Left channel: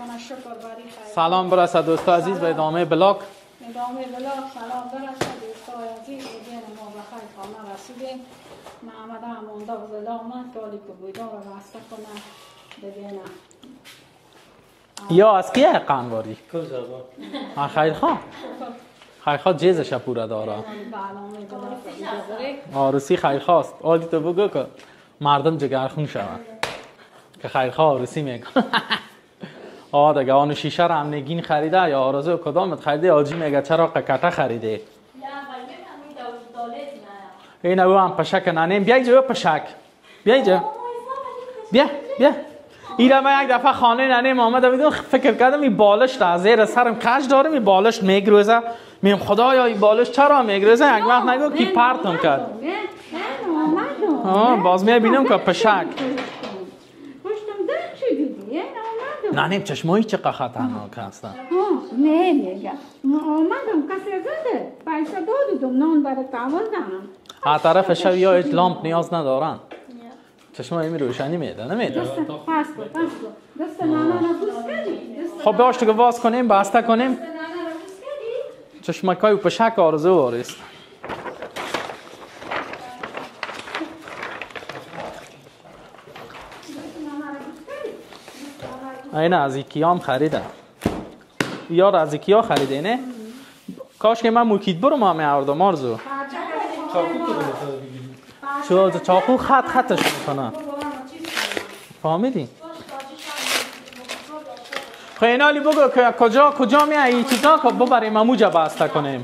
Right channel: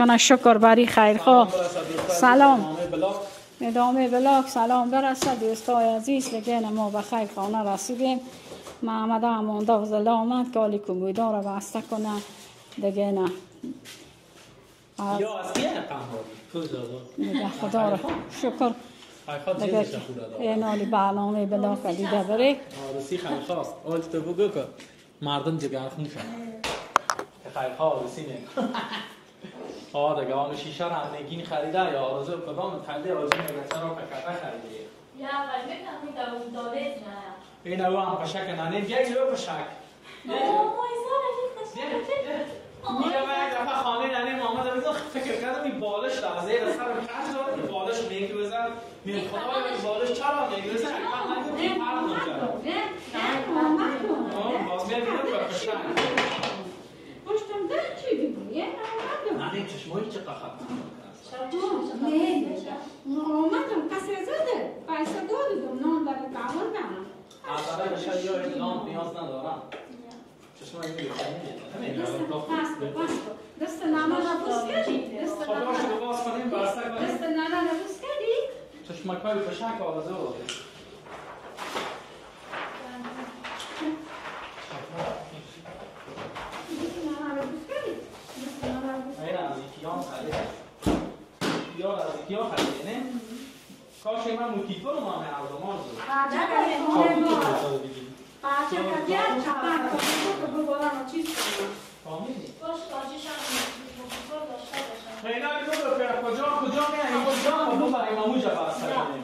کنه. شکر بری خیر. سلام برسد دوستای عزیز به ادامه بلاگ. سلام برسد دوستای عزیز. لگن ما به خیر خانه رسیدیم. محمد امانده و زله آمد که حالی کمبیدار را بسته کنه دیگه نه. یا از کیه قنگاری؟ خیر خان. شکر. خیر خان جیزش پورا داره. اینالی برنامه بلا کلیده بره. آرسی خیر خواست. آجی تو بگو که مردم جگرخون شود. که خیر خواه آرسی میگه. دیگه آنو شیشه را هم نگین خریده یا آرزو کدامت خریده؟ آجی میگه چرا قکته خریده؟ این او هم پشک ننیم. بیا اینجا پشک. بیا اینجا. بیا. ایره من یک دفعه خانه ننیم آمده بودم فکر کردم این بالش را زیر سرم کش دارم این بالش میگروزه. میم خدایا این بالش چرا میگروزه؟ یک وقت نگو کی پرتم کرد. باز میبینم که پشک. ننیم چشمایی چقدر خطرناک هستن. نه میگه آمدم کسی زده پیسه دادم نان برای تعاون هر طرف شب یا هیچ لامپ نیاز ندارن. چشمایی می روشنی میده نمیده. دست نانا بوس کردی. خب باش دیگه باز کنیم بسته کنیم. چشمکای پشک آرزو آرست. این از ایکیا هم خریده. یار از ایکیا خریده نه؟ کاش که من موکید برو ما میاردم آرزو. چاقو خطش میکنه. فهمیدی؟ خیلی بگو که کجا میای این چیزا که ببریم اموجا بسته کنیم.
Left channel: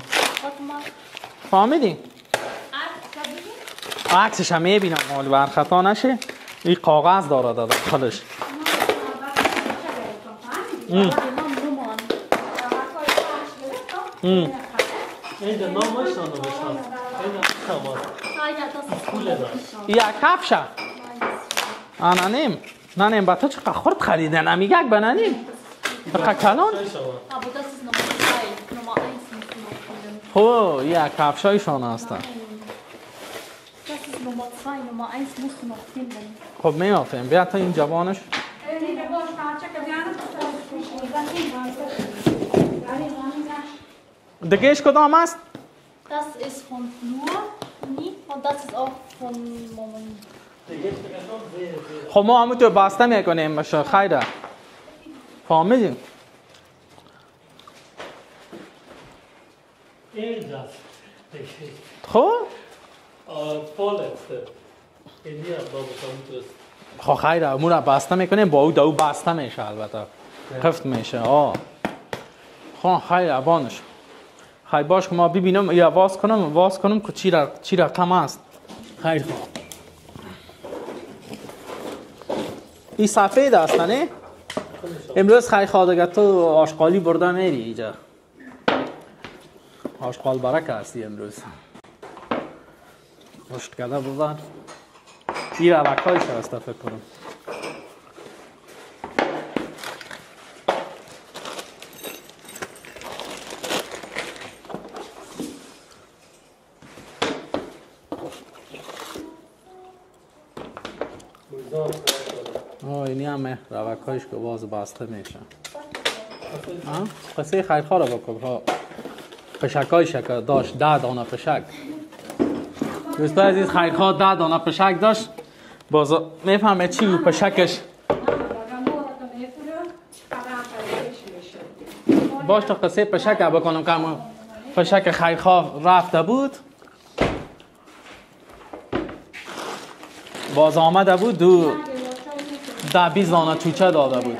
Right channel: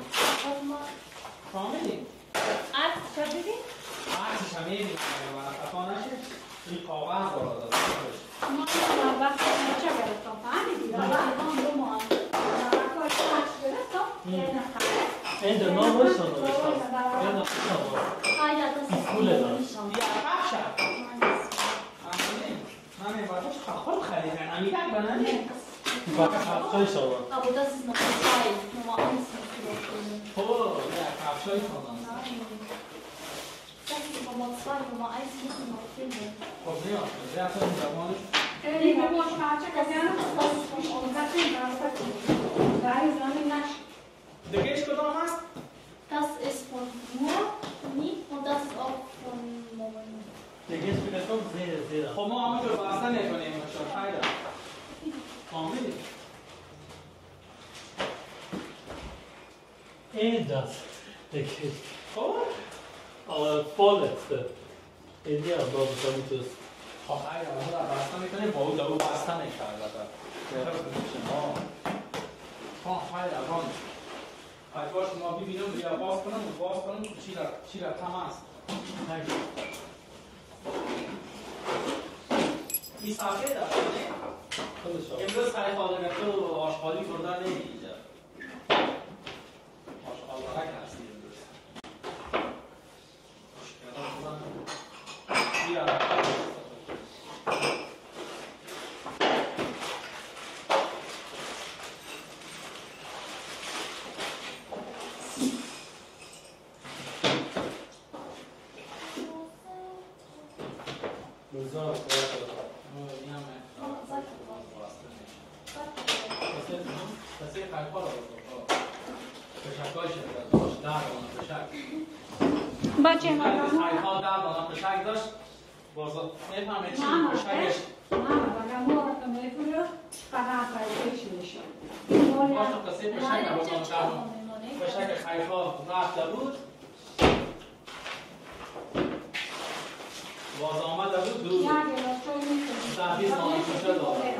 فهمیدی؟ عکسش هم میبینم مال برخطا نشه. این کاغذ داره داخلش. یا کفشه ننیم با تو چقدر خورد خریدن هم یک بننیم بقیه کلان خب یا کفشایشان هستن خب میافیم بیا تا این جوانش دیگهش کدام است؟ Das ist von Flur, und das ist auch von Moment. خب ما همون تو بسته میکنیم خیره فهمیدیم اینجاست خب vorletzte in hier aber خب خیره امون رو بسته میکنیم با او دو بسته میشه البته خفت میشه خب خیره بانش خیلی باش که ما ببینم یا باز کنم که چی رقم است خیلی خوب این سفید است نه؟ امروز خیلی خواهد تو آشغالی برده میری اینجا آشغال برک هستی امروز رشد کرده بودن این علکایش هست فکر کنم اینی همه روکایش که باز بسته میشن پس این خیرخواه رو بکن پشکای شکر داشت 10 دانه پشک دوستای عزیز خیرخواه 10 دانه پشک داشت باز میفهمه چی بود پشکش باش تا قصه پشک بکنم که پشک خیرخواه رفته بود باز آمده بود 10-20 دانه چوچه داده بود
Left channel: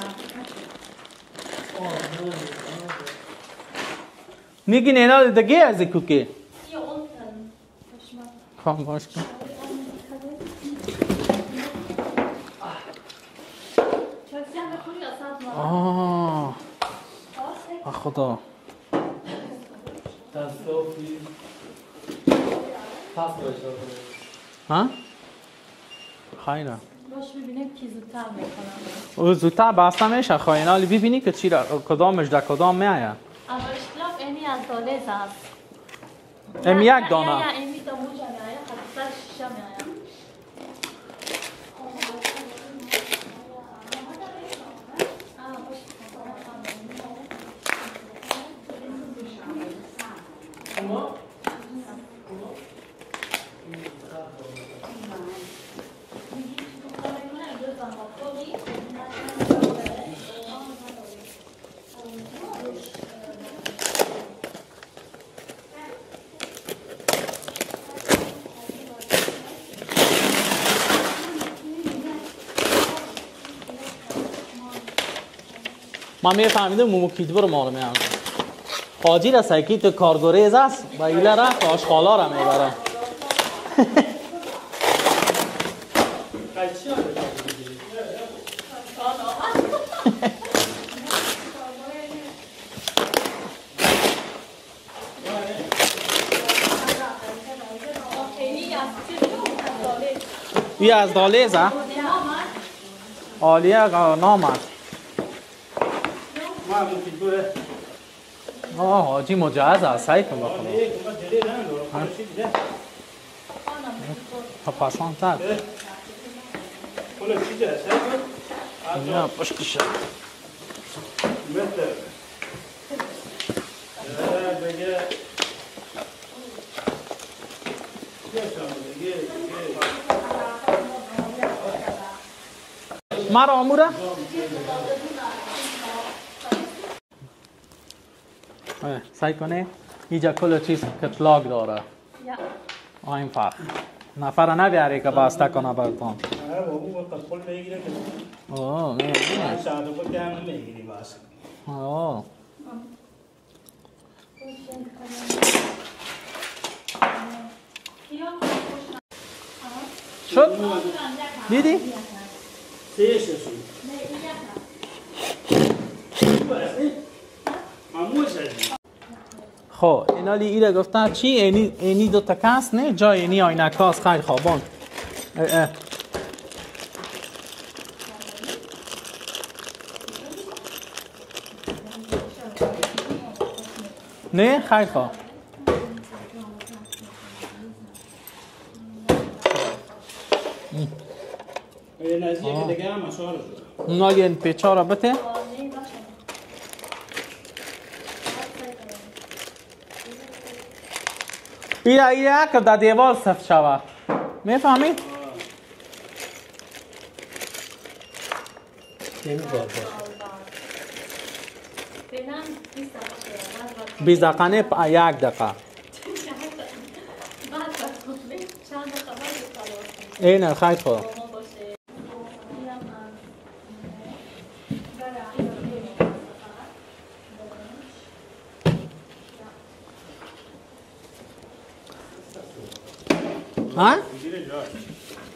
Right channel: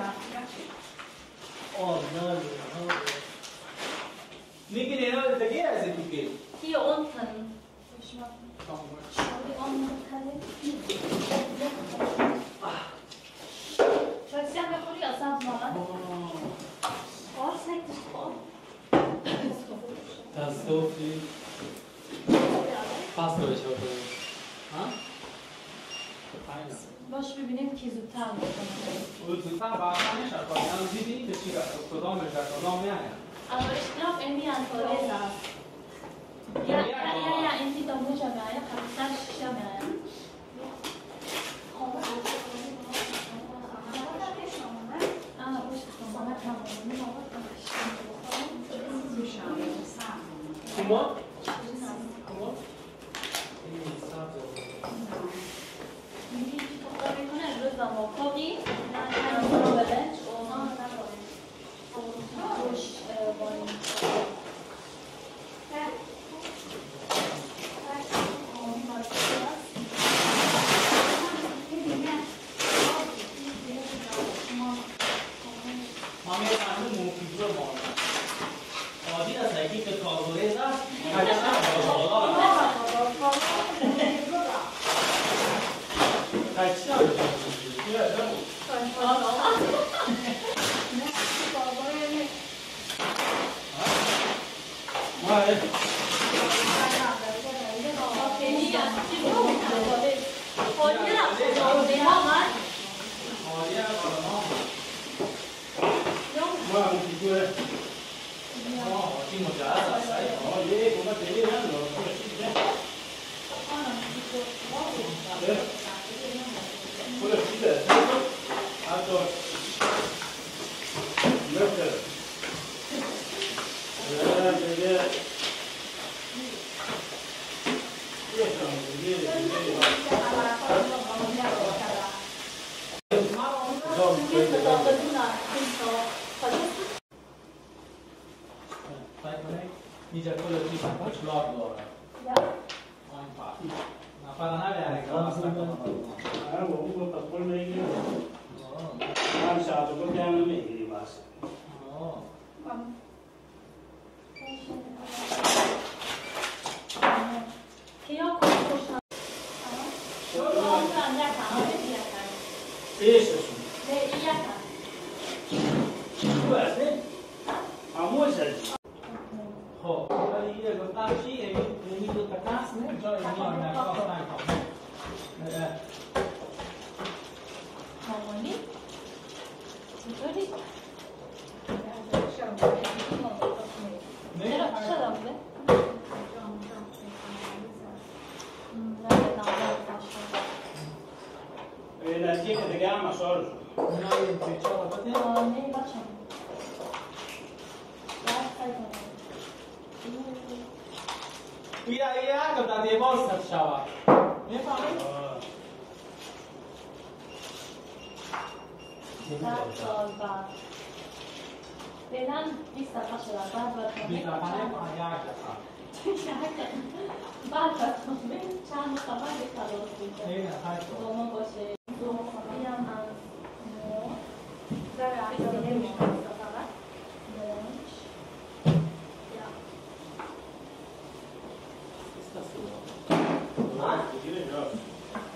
میگین اینا دیگه از کوکی کام باش کن خدا ها خیره باش ببینیم کی زودتر میکنم او زودتر بسته میشه خواهی ببینی که چی را کدامش در کدام میآید aber ich glaube irgendwie an Tolesa یک دانه irgendwie da wo ja ja hat das schon ja ما میفهمیدم موموکید برو مال میام حاجی را سایکیت کارگوریز است و ایلا را آشغالا را میبرم بیا از دالیزه عالیه نامد حاجی مجهز است سعی کن پاسان تر نه پشکشه مرا آموره سعی کنه اینجا کل چیز کتلاگ داره این فرق نفر نبیاری که بسته کنه برتون شد؟ دیدی؟ خب اینا گفتن چی اینی دو تا کاس نه جای اینی آینه کاس خیلی خوابان نه خیلی خواب نزدیک دیگه هم مسئله اونا یه پیچا را بته ایره که در دیوال ست شود میفهمی؟ فعلا 20 دقیقه نه 1 دقیقه اینه خیلی خوب ها؟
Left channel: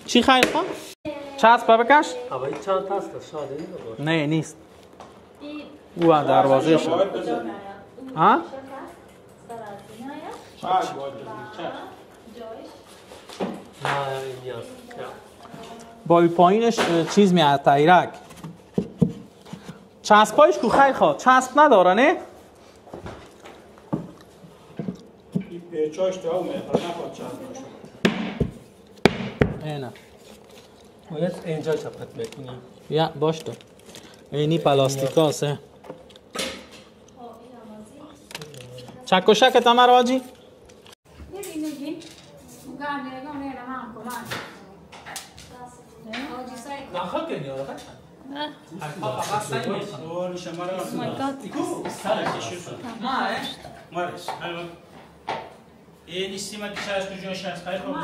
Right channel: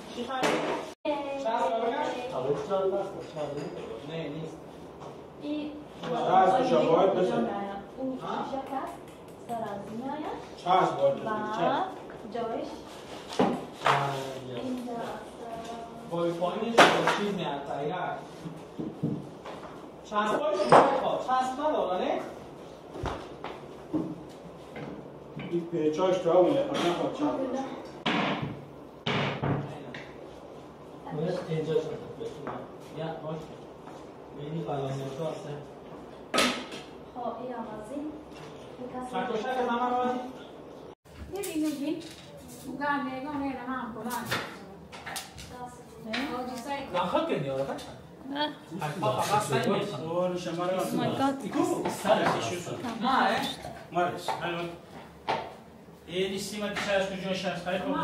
چی خیلی خوب؟ چسب بکش؟ نه نیست او دروازه شد ها؟ با پایینش چیز میاد تایرک چسبایش کو خیلی خوب چسب نداره نه؟ پیچاش تا اونه نخواد چپ نه باید اینجا چپت بکنم یا باش تو اینی پلاستیک هسته چکوشک تمر آجی؟ نخواد کنی آره دور شماره Oh my god. مارس این استیما تیشاش تو جوش هست خیلی خوب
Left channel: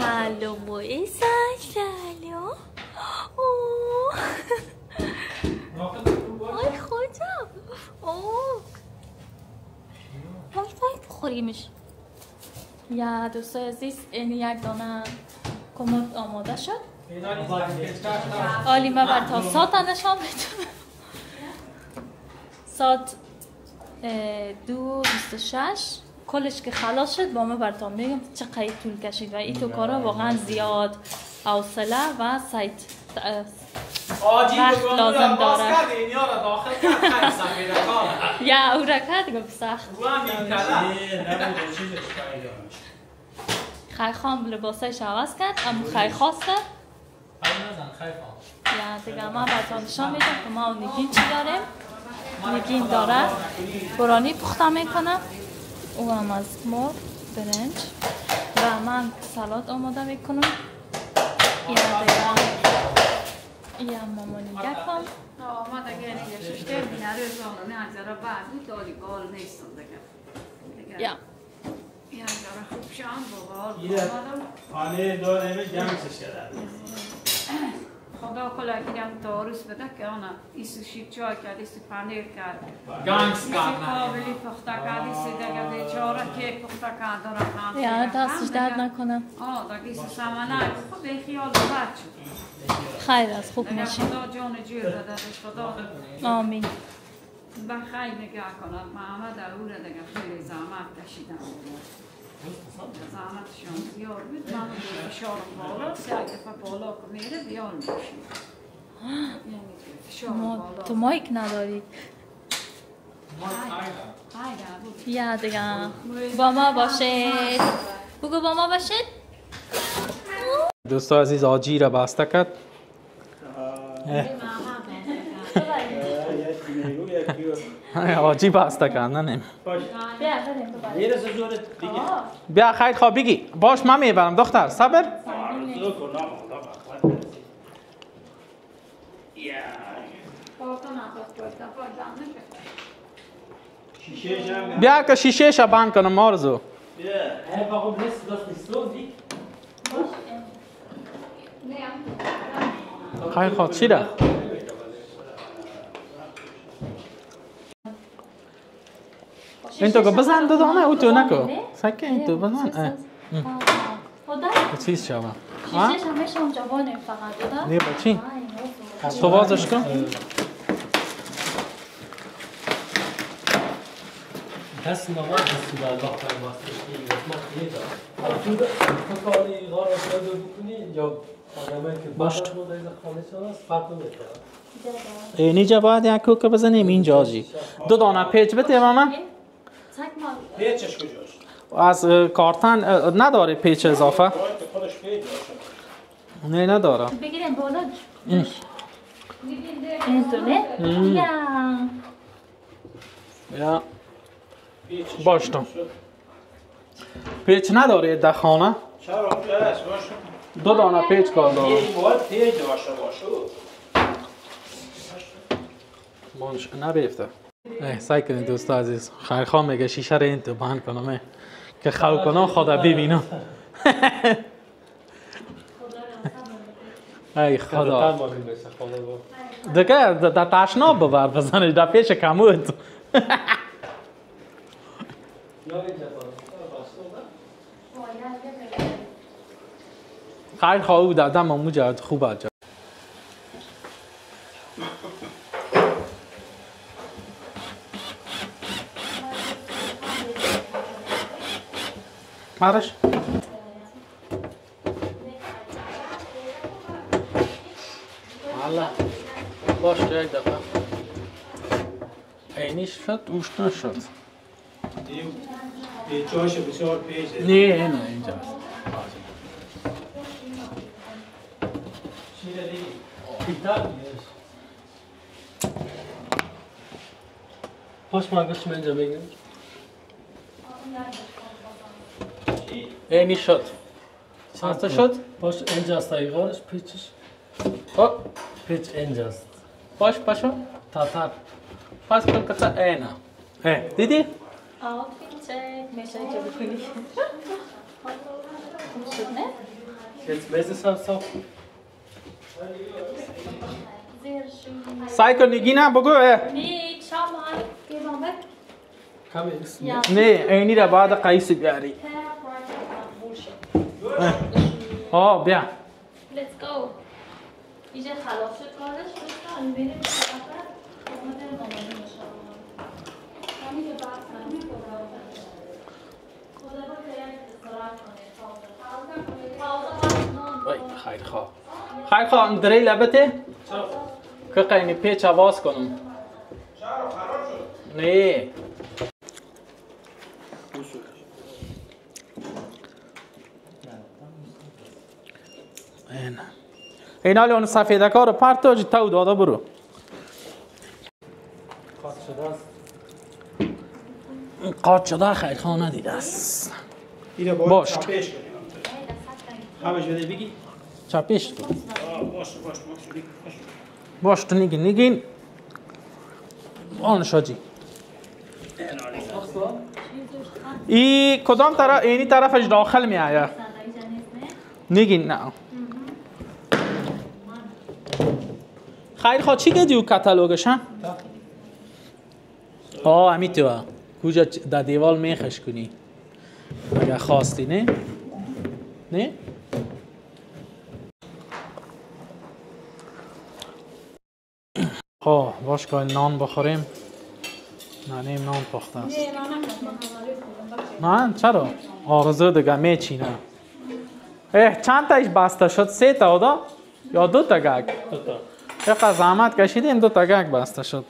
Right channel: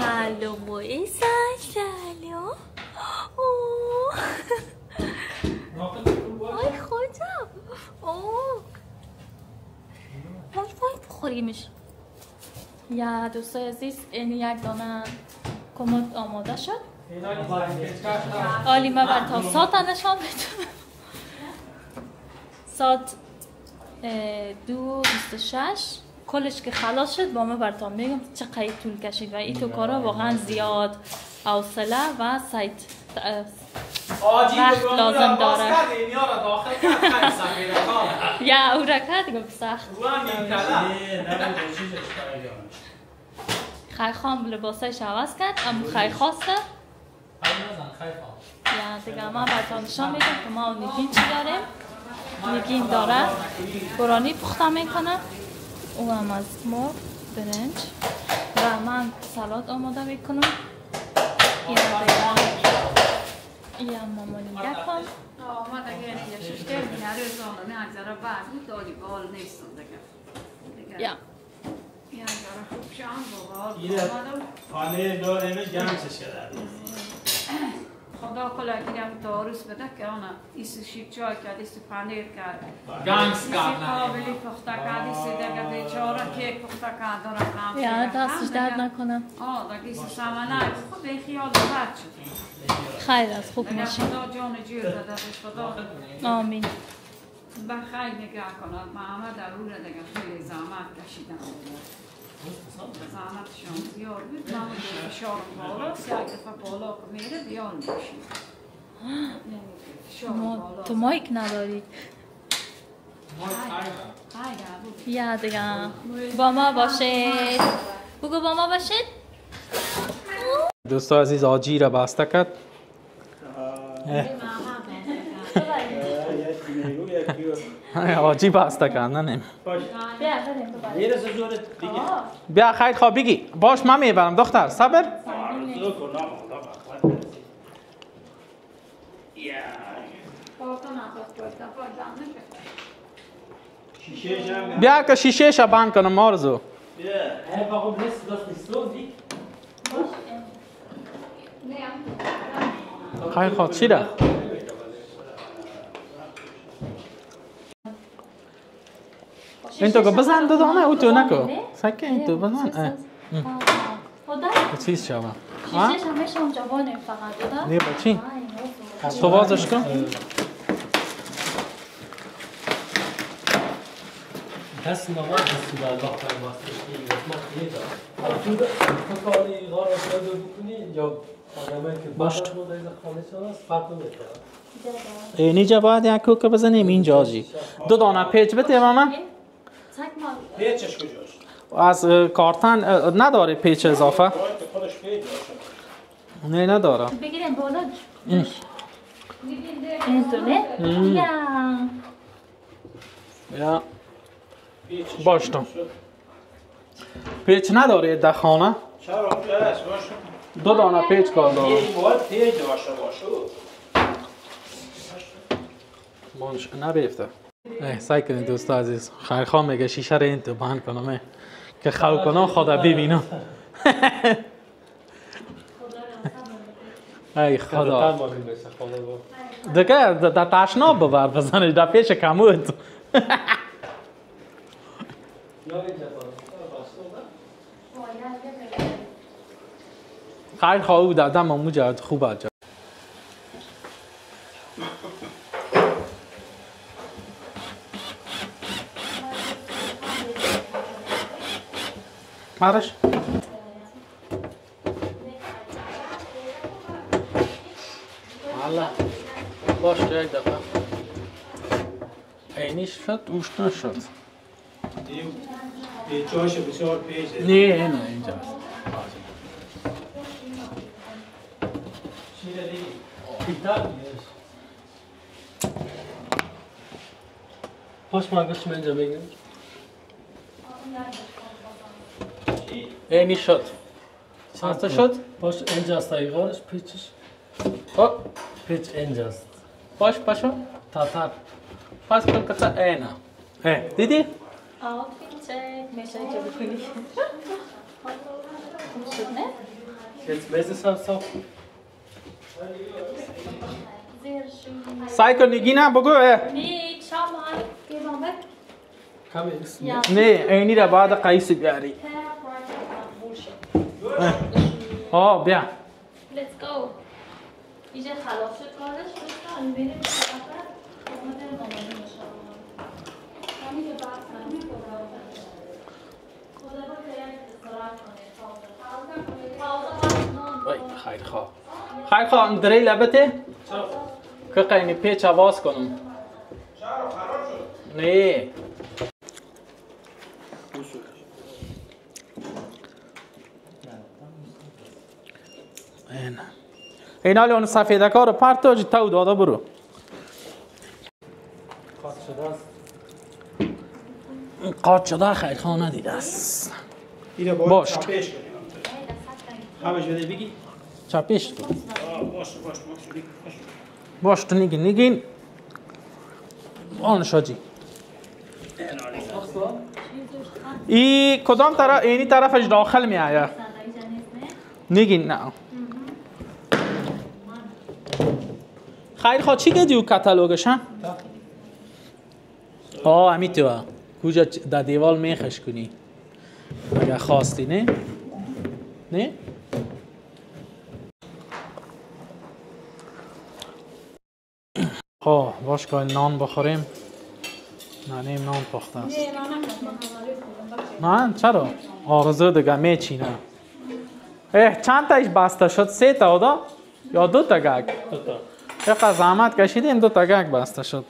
Hallo Moisa, hallo. Oh. Ay خودم. اوه. وای بخوریمش. یا دوستای عزیز این یک دانه کمد آماده شد. عالی من براتون ساعت نشان بدم. ساعت 2:26 کلش که خلاص شد با من براتون میگم چقدر طول کشید و این تو کارا واقعا زیاد حوصله و سایت وقت لازم داره. یا او رکت دیگه سخت. خیلی خام لباسش عوض کرد اما خیلی خواسته. یا دیگه من براتون نشان میدم که ما نگین چی داریم. نگین داره برانی پخته میکنه او هم از مرغ برنج و من سالاد آماده میکنم. این هم مامانی یکم ما دیگه نگشته میاره زمان نگذاره بعد داری بال نیست دیگه. یا یا خوب شام بابا خانه داره جمع شده خدا کلا گیرم تاروس بده که آن ایسی شیب چای کرد ایسی پنیر کرد گانس ایسی قابلی پخته کرد ایسی دیگه بیچاره کیک پخته کرد داره خام یا دستش درد نکنم. دیگه ایسی سمنه خب به خیال بد شد خیر از خوب دیگه میشه. خدا جان جور بدهش خدا آمین. به خیر نگاه کند محمد اروره دیگه خیلی زحمت کشیدم زحمتشان زیاد بود من دیگه فشارم بالا یک دفعه بالا که میره بیان میشید تو مایک ندارید. یا دیگه با ما باشید. بگو با ما باشید. دوستا عزیز آجی را بسته کرد. آجی بسته کرد نه بیا خیر خواب بگی باش من میبرم دختر صبر بیا که شیشه شا بند کنم مارزو خیر خواب چی را؟ این تو که بزن دادانه او تو نکو سکه این تو بزن چیز شما شیشش هم میشه اونجا بانیم فقط دادا؟ نه با چی؟ تو بازش کن دست نماز دستی به الله فرماسته که تو کاری غار آساده بکنی یا آدمایی که باشت. باشت مدرز خانه شان است فرق نمیکنه. اینجا باید یک کوکه بزنیم اینجا جی دو دانه پیچ بده ماما پیچش کجاست؟ از کارتن نداره پیچ اضافه باید که خودش پیچ باشه. نه نداره بگیرین بالا این تو نه؟ یا پیچش باشتم پیچ نداره در خانه چرا اونجا هست باشه؟ دو دانه پیچ کار داره این باید پیچ باشه مانش نبیفته سعی کنید دوستا عزیز خیرخواه میگه شیشه رو این تو بند کنم که خو کنم خدا ببینم ای خدا دیگه در تشناب ببر بزنش در پیش کمود خیرخواه او دادم مجرد خوبه جا مارش حالا باش یک دفعه اینیش شد اوش نشد پیچاش بسیار پیچه نه اینجاست پاش مگش من اینجا بگیم اینی شد چند شد؟ پاش اینجاست ایغارش پیچش خب پیچ اینجاست باش پاشو تاتر پاس کن کتا اینا دیدی؟ آه پیچه میشه اینجا بکنی شد نه؟ Jetzt meses هم صاف زیرشون سعی کن نگی نه بگو نیک شامان گیرامه کمی اسم یا نه اینی را بعد قیس بیاری آه بیا Let's go. اینجا خلاص شد کارش بستن بریم سفر اومده مامانی مشاور همین که بحث نمی خدا رو باید استراحت کنه وای خیرخواه دری لبته که قینی پیچ آواز کنم نه این حالی اون سفیده کار پرتاج تو داده برو خاص شده است قاط شده خیرخواه ندیده است اینو باید باش. چپش کنیم همش بده بگی چپش کن باش باش تو نگین آن شاجی ای کدام طرف اینی طرفش داخل می آید نگین نه خیر خواه چی گدیو کتالوگش هم؟ امی تو کجا در دیوال میخش کنی اگر خواستی نه؟ نه؟ باش که نان بخوریم. نانیم نان پخته است. نه چرا؟ آرزو دیگه میچینه. چند تایش بسته شد؟ 3 تا دا؟ یا 2 تا گگ؟ 2 تا. چقدر زحمت کشیدیم 2 تا گگ بسته شد.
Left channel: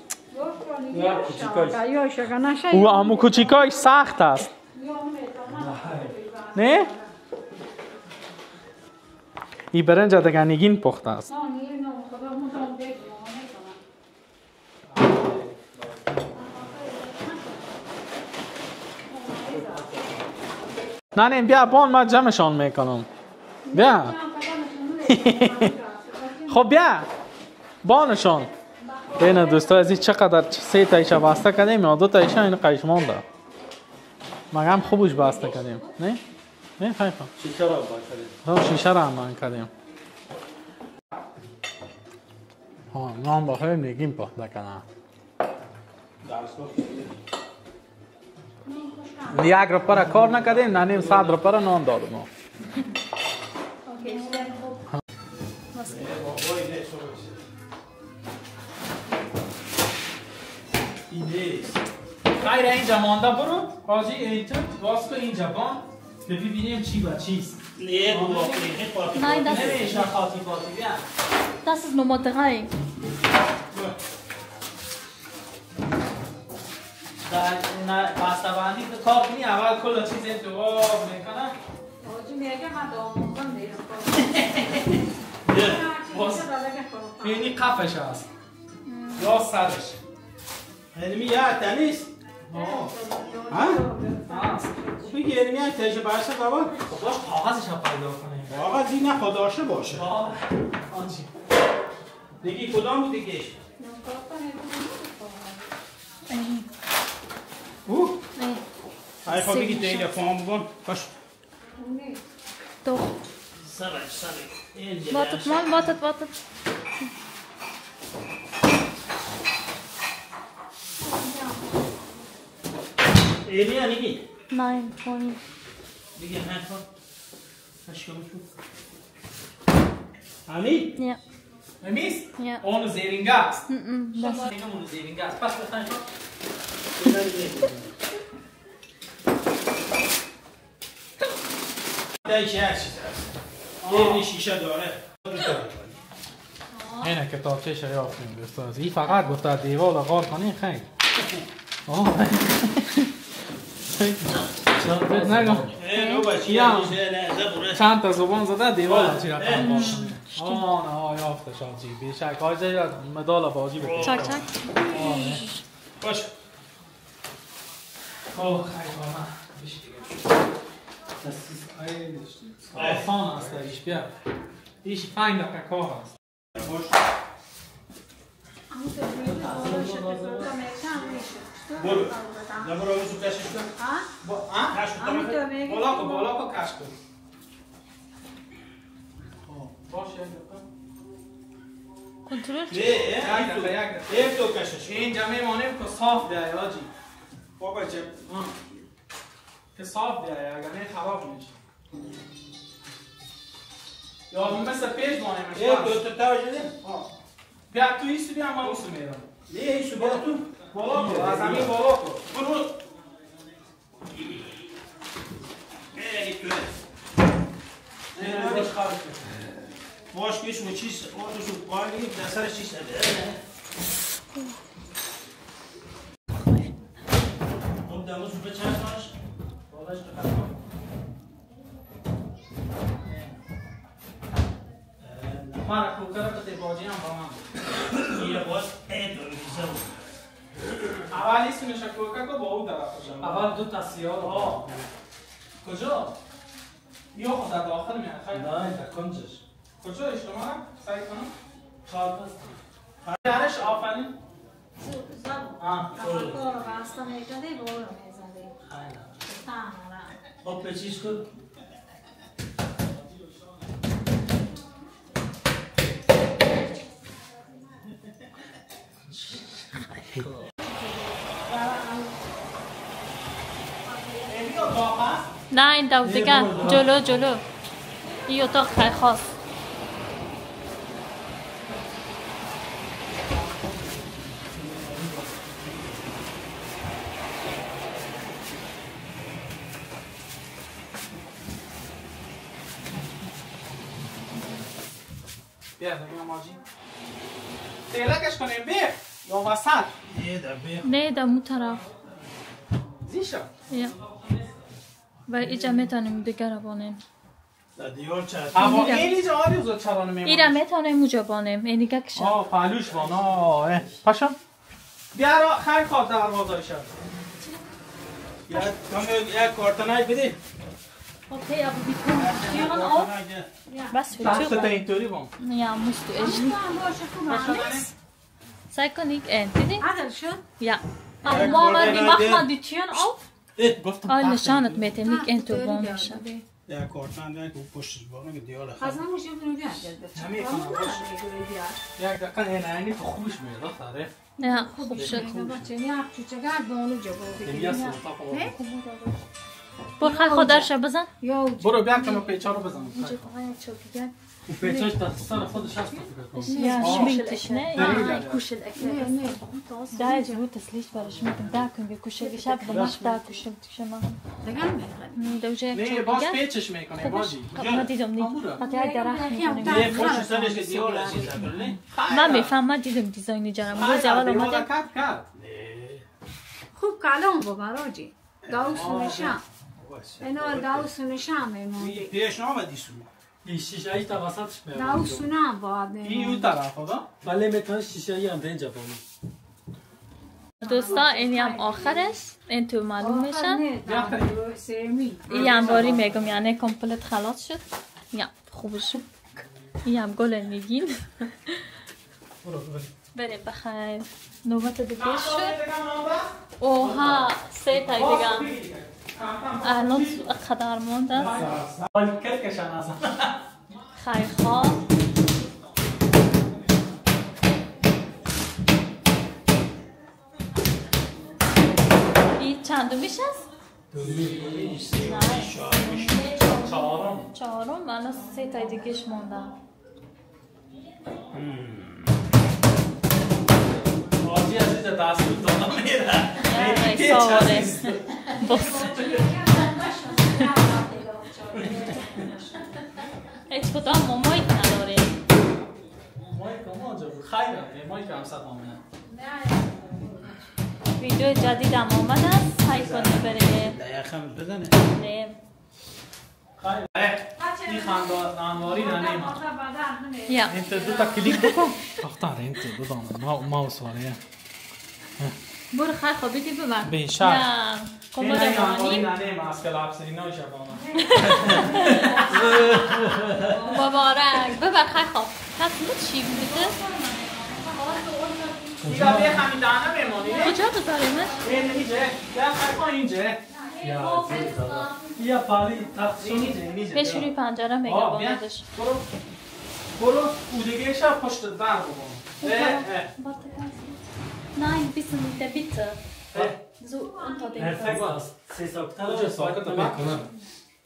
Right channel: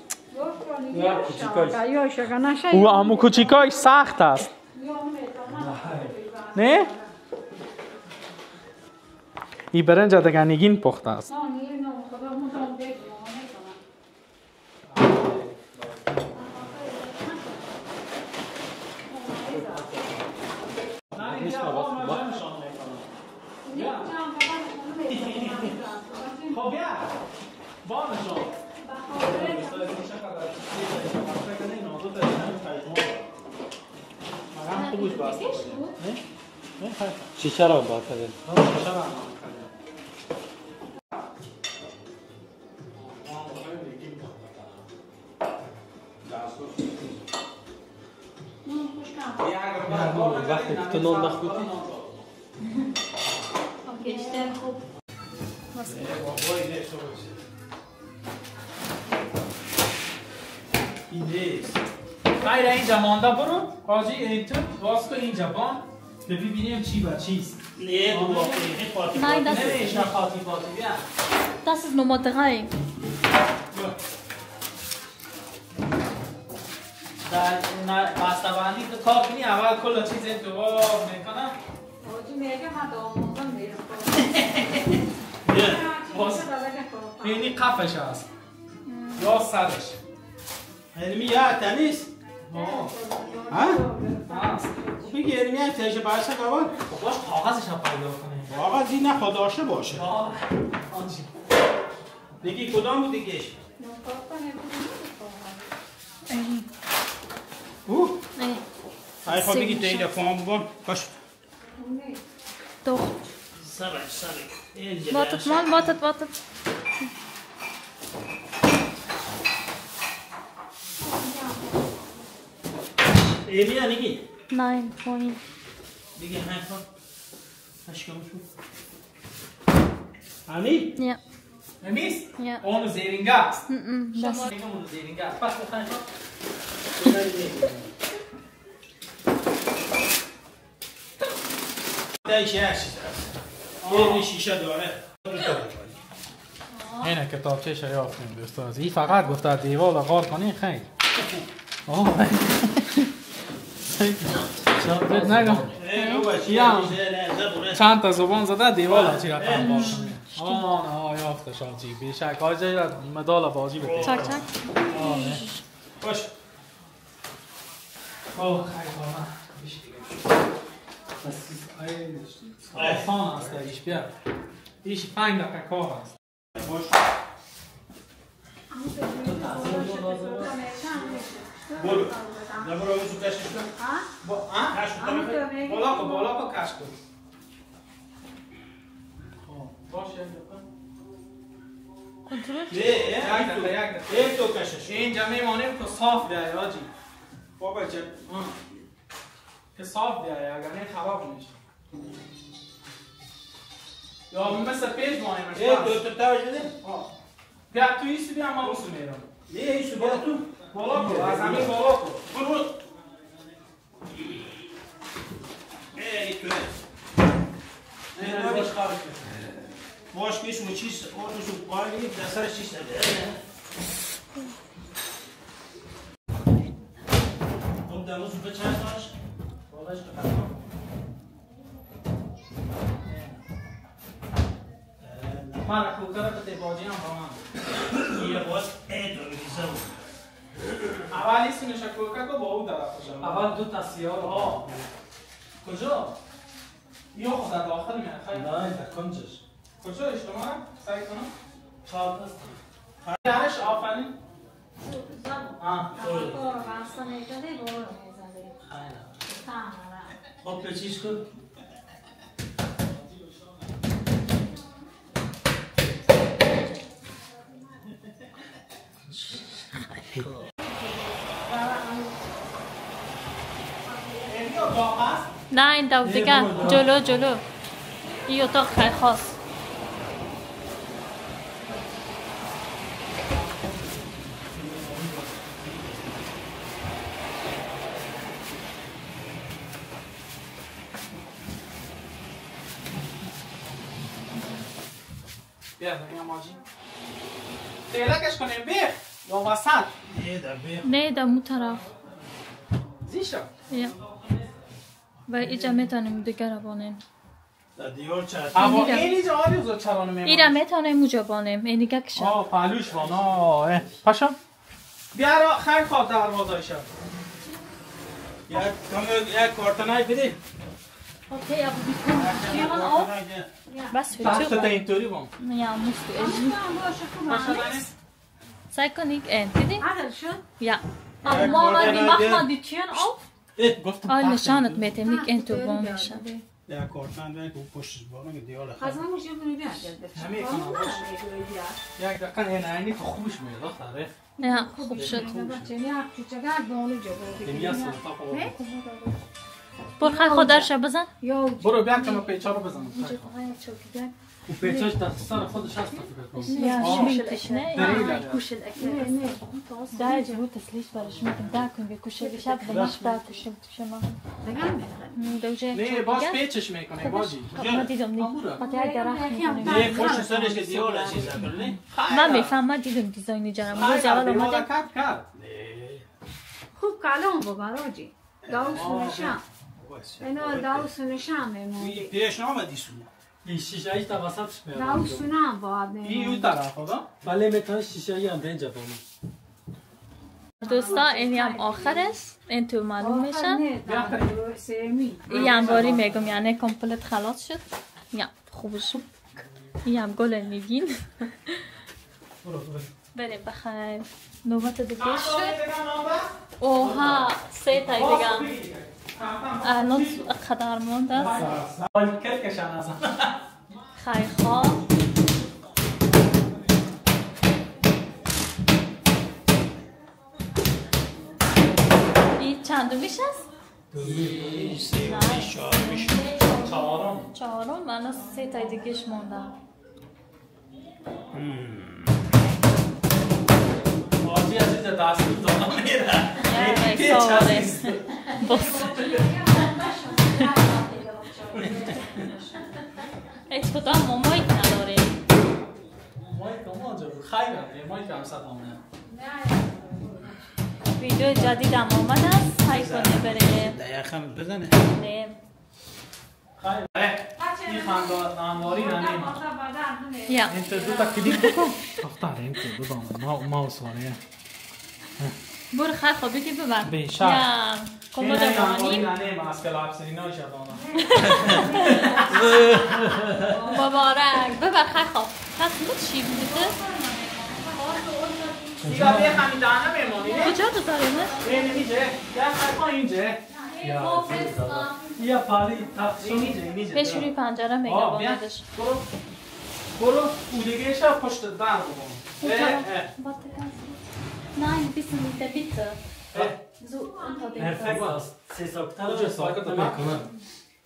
او امو کوچیکایش سخت است. نه؟ این برنج دیگه نگین پخته است. نه بیا بان من جمعشان میکنم. بیا. خب بیا بانشان. بین دوستا عزیز چقدر 3 تایش بسته کردیم یا 2 تایش این قیش مونده. مگم خوبش بسته کردیم. نه؟ نه خیلی خوب. شیشه را باکردیم. شیشه را هم کردیم. نان بخوریم نگیم پخته کنم. یک روپا را کار نکردیم نه 100 روپا را نان دادیم. خیر اینجا مانده برو حاجی اینجا باز که اینجا بان که ببینیم چی با چیست. Nein, das نمیشه ist, خاطی فاتی بیا. das ist Nummer 3. در بسته بندی کار کنی اول کل چیز انتخاب میکنم. بینی قفش هست یا سرش. علمی یا تنیس ها هست. بگی علمی هم تیجه برسه قوان باش کاغذش رو پیدا کنه. کاغذ این نخوا داشته باشه آنچی بگی کدام بود دیگهش او حیفا بگی تلفون بگن باش Doch. Wartet mal, wartet. علمی نگی Nein, vorhin. بگی حیفا اشکام شد امیر Ja. امیس؟ Ja. اون زیرینگه است. Das اون زیرینگه است. پس بخواهیم دایشه هست این شیشه داره اینه کتابچه شریافتیم دوستان. این فقط گفت در دیوار غار کنی خیلی. نگم چند تا زبان زده دیوار چی رفتم باشم. یافته شانسی بیشک آجه مدال بازی بکنی. Zack, zack. باش خیلی آسان است ایش بیا. ایش 5 دقیقه کار است. باش برو نبرو روزو کشش کن بالا کو کش کن. باشه یک دو کشش اینجا میمانیم که صاف بیایی آجی. بابا جب که صاف بیایی اگر نه خراب میشه. یا مثل پیش مانیم یک دو تا توجه ده بیا تو ایسو بیا من اوسو میرم. نه ایسو برو تو بالا کو از همین بالا کو. برو ای تو نه خارج باش که شما چیز آتوشو قایلی در سرش چیز نبیده اون دموزو به چند داشت باباش که خطا من کوکر به باجی هم با من یه باز ایدو میزه اول ایسو میشه کوکر که با او طرف شد. اول 2 تا سیاه کجا؟ یا خود در داخل میاد خیلی نه در کنجش کجا اشتما سعی کنم؟ 4 تا درش آفرین خب به چیز کن نه این دو دیگه جلو این اتاق خیلی خاص. بیا دیگه ماجی تیلکش کنیم بیخ یا وسط نه در مو طرف زیشا یا و اینجا میتونیم دیگه رو بانیم دیار چند اما اینی جا آری زود چرانه میمونی این رو میتونیم اونجا بانیم اینی که کشم پهلوش بان پاشا بیا را خیلی خواب دروازه شد یک کارتنای بده اوکی ابو بیکن بس دست تا فیلتر اینطوری بان یا مستو سعی کنید این دیدی؟ یا ما وقتا دیتیان auf گفتم آل نشانت میتیم نیک این تو بان میشه یک کارتن دارید که پشتش باقی که دیار یک دقیقه این عینی تو خوبش میاد دختره نه خوب شد برو خیلی خودرش بزن برو بیا که ما پیچا رو بزنم و پیچاش دست سر خودش هست یا شمینکش نه دلیل ده جبو تسلیش برای شمینکم ده کن بکشه شب بمش ده کشه شما دوجه نه باز پیچش میکنه باجی ما دیدم نی قطعه های درخت میکنیم یه پشت سرش که دیار چیز کنه من میفهم من دیدم دیزاینی جرم روز اول اومدم کرد خوب کلام ببراجی داوس نشم اینا داوس نشم پیش نامدی سو این شیشه ای تا وسطش میاد داوس نام باید این اون طرف خدا ولی میتونه شیشه ای هم اینجا بامون دوستا اینی هم آخر است این تو معلوم میشن این هم باری میگم یعنی کمپلت خلاص شد یا خوب شد این هم گل نگین بریم بخیر نوبت دیگه شد اوها سه تای دیگه الان قدر مونده است خیلی خواب این چندمیش است؟ چهارم الان سه تای دیگهش مونده باجی عزیز دست میتونم میره یا ایسا بس هیچ کدام مایک نداره مایک هم آنجا بود خیلی مایک هم صد آمده ویدیو جدید هم آمد است سعی کنه بره دقیقا بزنه بریم خیلی این خانداری ننیم یا انت دو تا کلیک بکن اختار انت دو تا ماوس واره برو خیلی خوب بگی ببر بیشتر. یا کمد این مانی ننیم از کلاب سرینا شدانه مبارک ببر خیلی خوب پس بود چی بوده؟ دیگه بیا خمیدانه میمونی کجا بذاریمش؟ اینجا یا خیلی اینجا یا پاری تقسیم بشوری پنجره میگه باندش برو اودگیش پشت در بگم Nein, ein bisschen mit der Bitte. So unter dem پرفکت است سه ساکتر ساکت میکنم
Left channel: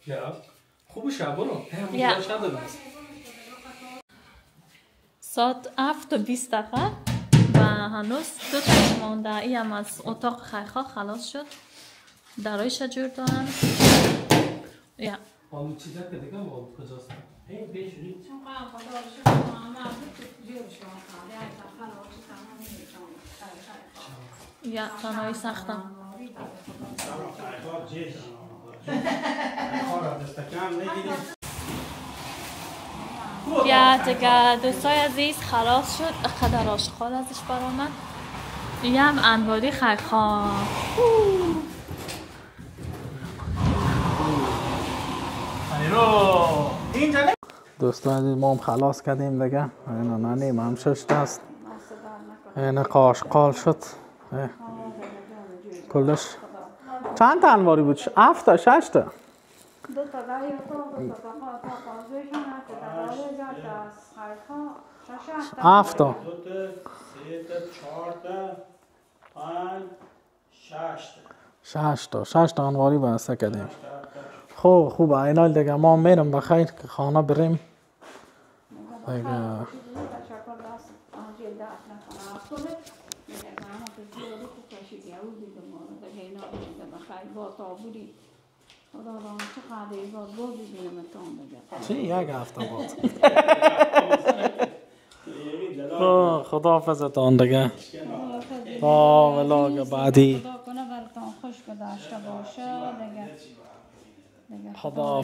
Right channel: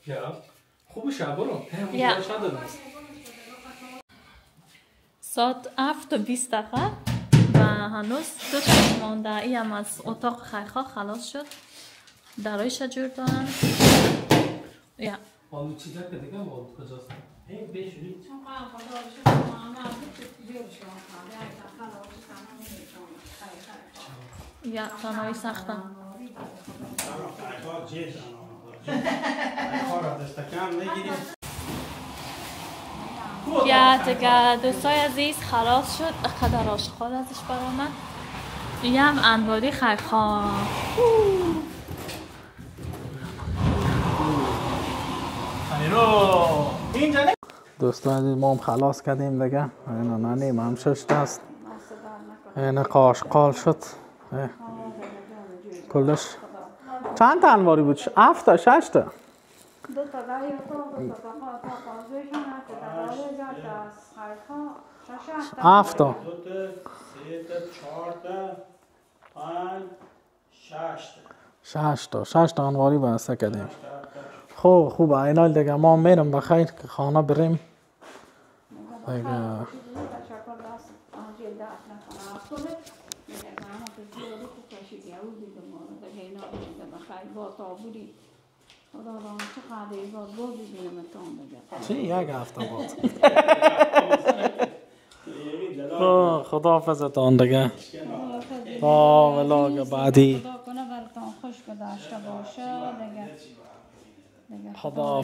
یا خوبش برو یا ساعت 7:20 دقیقه و هنوز دو تایش مانده ای هم از اتاق خیخا خلاص شد درایش جور دارن یا بالو چیزا که دیگه بالو کجاست این بیشوری یا تنهایی سختم یا دیگه دوستای عزیز خلاص شد قدر آشغال ازش برآمد این هم انواری خیخا دوستان عزیز ما هم خلاص کردیم دیگه اینا ننیم هم ششت است اینا قاشقال شد کلش چند تا انواری بود؟ 7 تا 6 تا 2 تا دایی تو 2 تا پازویش نکرد داره جات از خیلی 7 تا 2 تا 3 تا 4 تا 5 6 تا 6 تا انواری بسته کردیم خوبه اینال دیگه ما میرم بخیر که خانه بریم دیگه تشکر دست آنجا درد نکنه افتونه دیگه همه تو جوری که کشیدی او دیگه ما دیگه اینا دیگه بخیر با تا بودی خدا دارم چقدر ایزاد بود ببینم اتون دیگه چی یک هفته بود خدا حافظتان دیگه تا ولاگ بعدی خدا کنه براتون خوش گذشته باشه دیگه خدا